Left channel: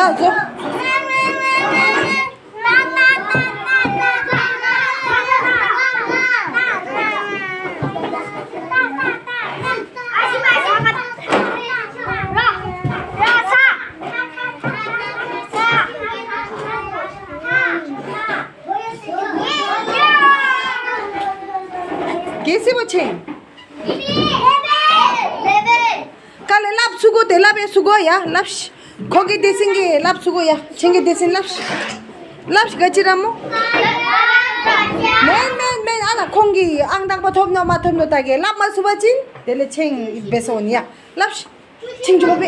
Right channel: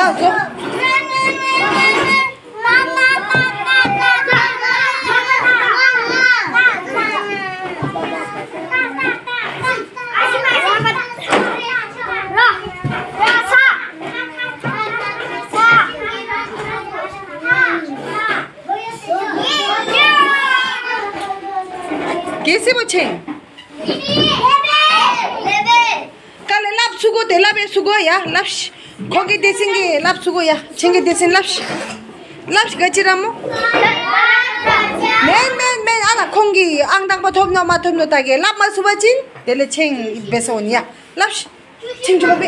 나 줘. कैसे बच्चे कल लाभ सुगो थे लाभ सुगो या लाभ खोगी देसेंगे लाभ सुगो या चेंगे देसें लाभ लाभ गचिरामो men ana kongi angdang pathomno mathomno tage lap masubachin dele cheng besonia lap ching jobe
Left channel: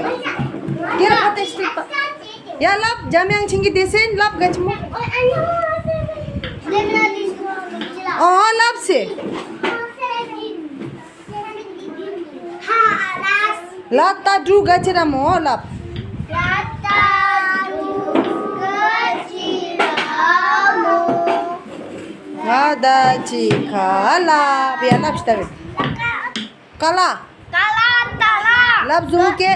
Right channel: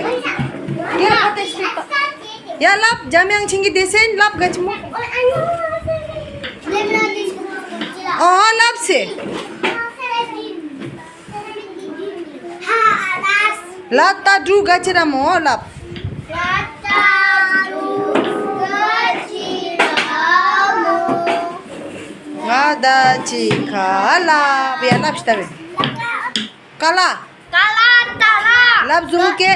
ke hate sta ya lap jamyang chingi desen lap gachmo oh lap se lata du gachiramo lap Ada cikala, biar lap stabil. Kala. Lap zuke.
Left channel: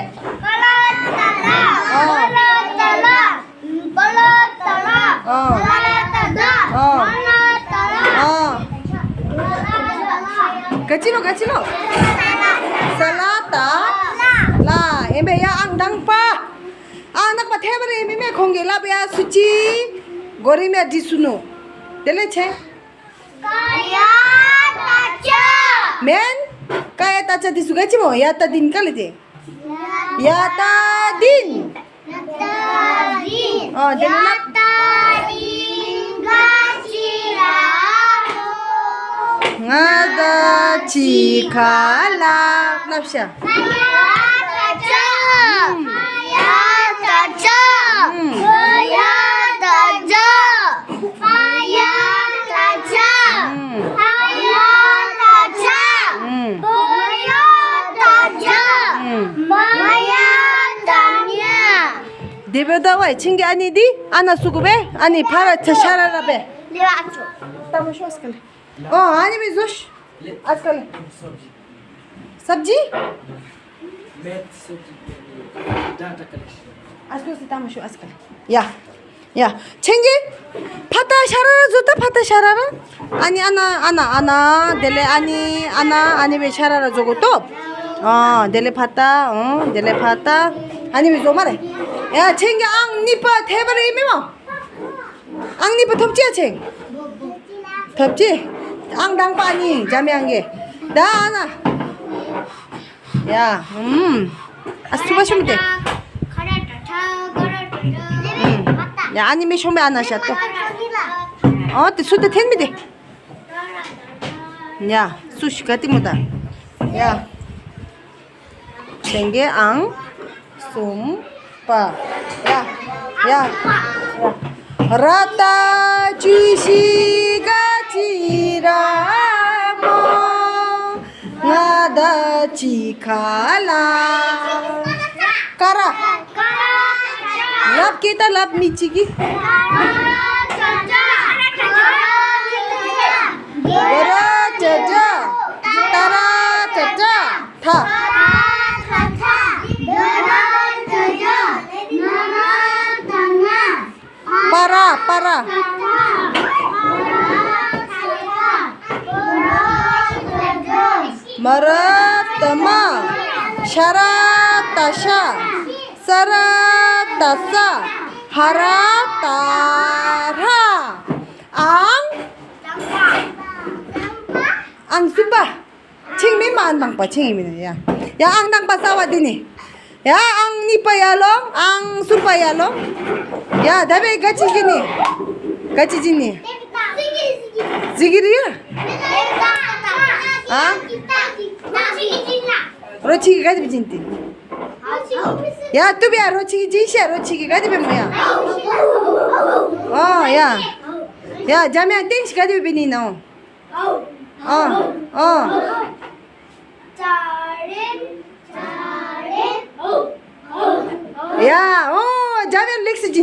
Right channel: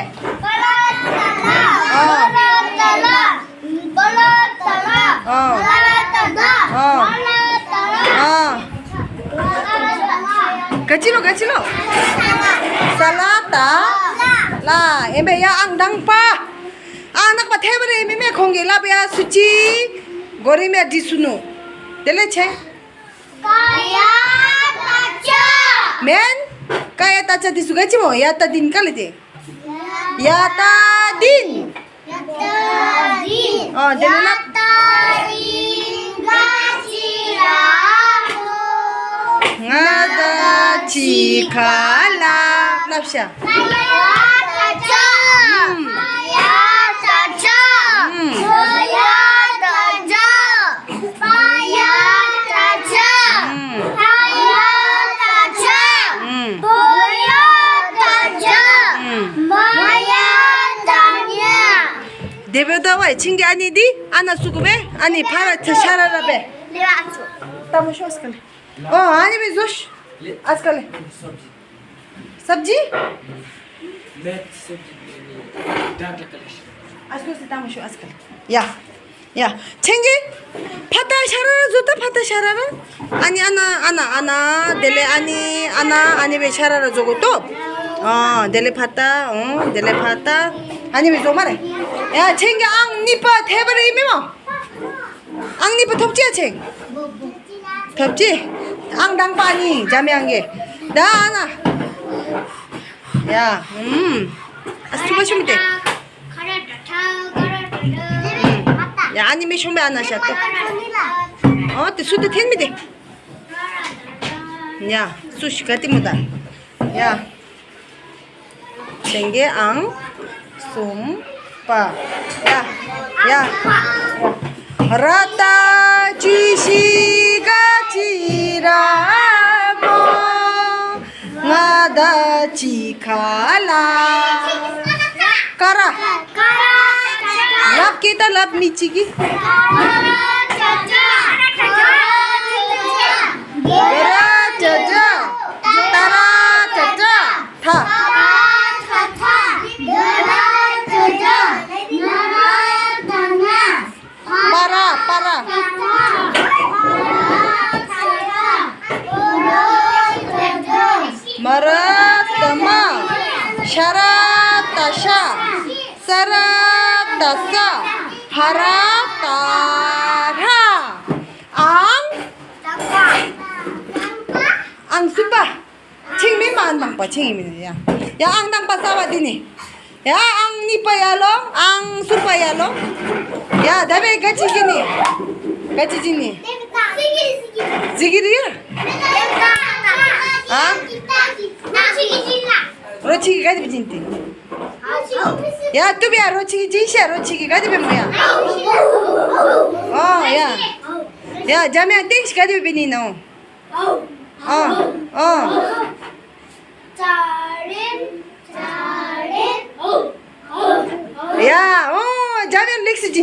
Kecilo. Salata. La, embe ya angdang pa. Anak pa thebare embe me khonge lap ya suci. Gori me disuno. Dele che. Men kaya tacha disugachi mo yata din kali de yata din oh dele lap ngada cikala lapsha 데베다와 친게 아니디 아나 수고베 아니 파라 샤라라베 तामो शो आजकल ओ आनी भी जोश आजकल सब्जी आजकल से तामो शो आजकल या 챙기 파타 샤라라 좋다 파타 샤라라 아니 아나 데레 아니 왜 샤라라 저거 또 데레 파타 데레 파타 아니 왜 저 말해 야 챙겨 앙니빠 대바를 이메모 앙니빠 덥지야 챙 덥지 앙당빠니 자매한게 나 하나 야 수고하시면 돼 야 아니메 쇼메 안 하셔 또 수도 텐미데 야 수시 같이 못다 야 챙겨 앙 솜빠 야 라타 주시가 지라모 나다 지칼라 까라 랍 kita 랍 미치기 가라 짜자 따라 짜자 타 para maratama sharatasha saratasa haratara ang supa chingmi mandang pa chingmi ya ang dang pa sawadini 야, 앙니빠야로, 앙수빠야로. 야, 다음에 같이 지니. 지기리야? 아? 로치기 가지고 진티. 야, 뚜비야, 로치기 진시야, 로치기 가지고 뭐야? 야, 자매야, 땡시 가지고 비니 너. 야, 자면 렉스지.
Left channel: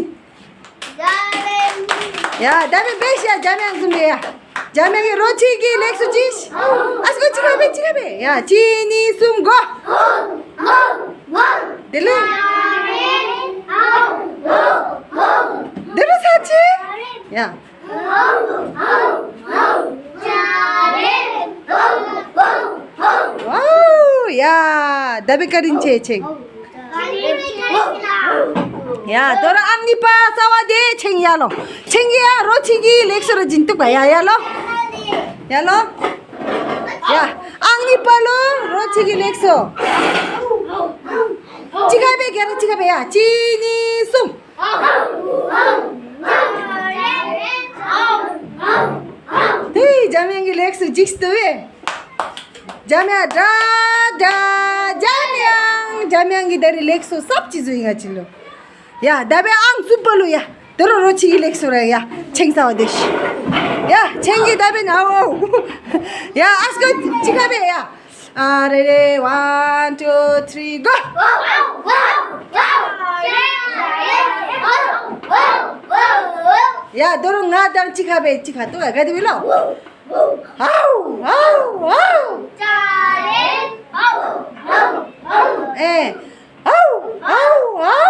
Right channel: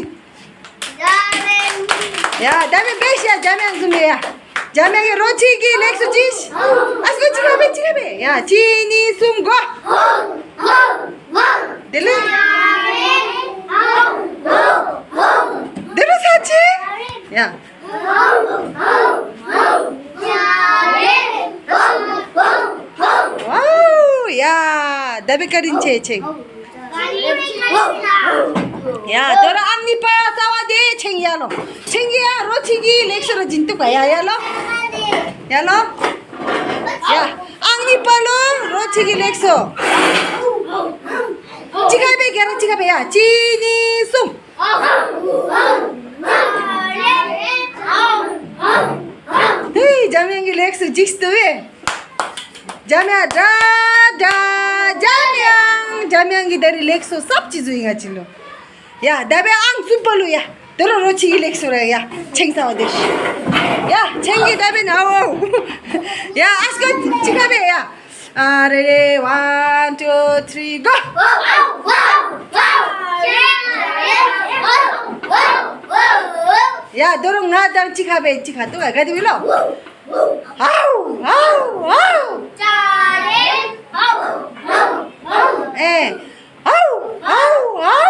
야, 다음에 백시야, 자면 근데야. 자면이 로치기 렉스지스. 아스고 지가베. 야, 지니 숨고. 들려? 야. 와우, 야, dapat karin ceng. Ya, dorang angni pa sawa de ceng ya lo. Ceng ya, rochigi leksora jintu pa ya lo. Ya lo. Ya, angni pa lo, rochigi lekso. Cikabe kira cikabe ya, cini sum. Hei, jamiang ki lekso jiks tu Jamia jamiang ki dari lekso सब चीज हुई चिलो या दाबे आंग सुपलु या दोरो रोची की lekso रा या छेंग सावा देश या छेंगी दाबे नाओ या आस्को चिकाबे या अरे 1 2 3 गो या दोरो नादांग चिकाबे चिका तो गादी below how how how A how how how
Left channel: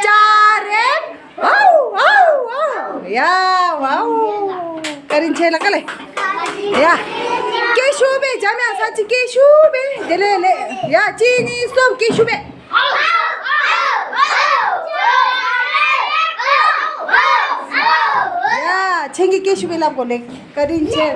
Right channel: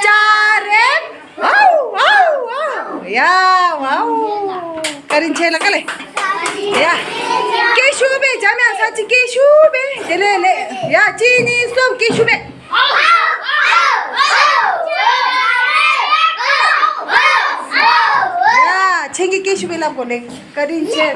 चारे हाउ हाउ हाउ या वाउ करिन छेला कले या केशुबे जाम्या साची केशुबे ले या चीनी सोम केशुबे या छेंगी केशुबे ला बोले करिन छे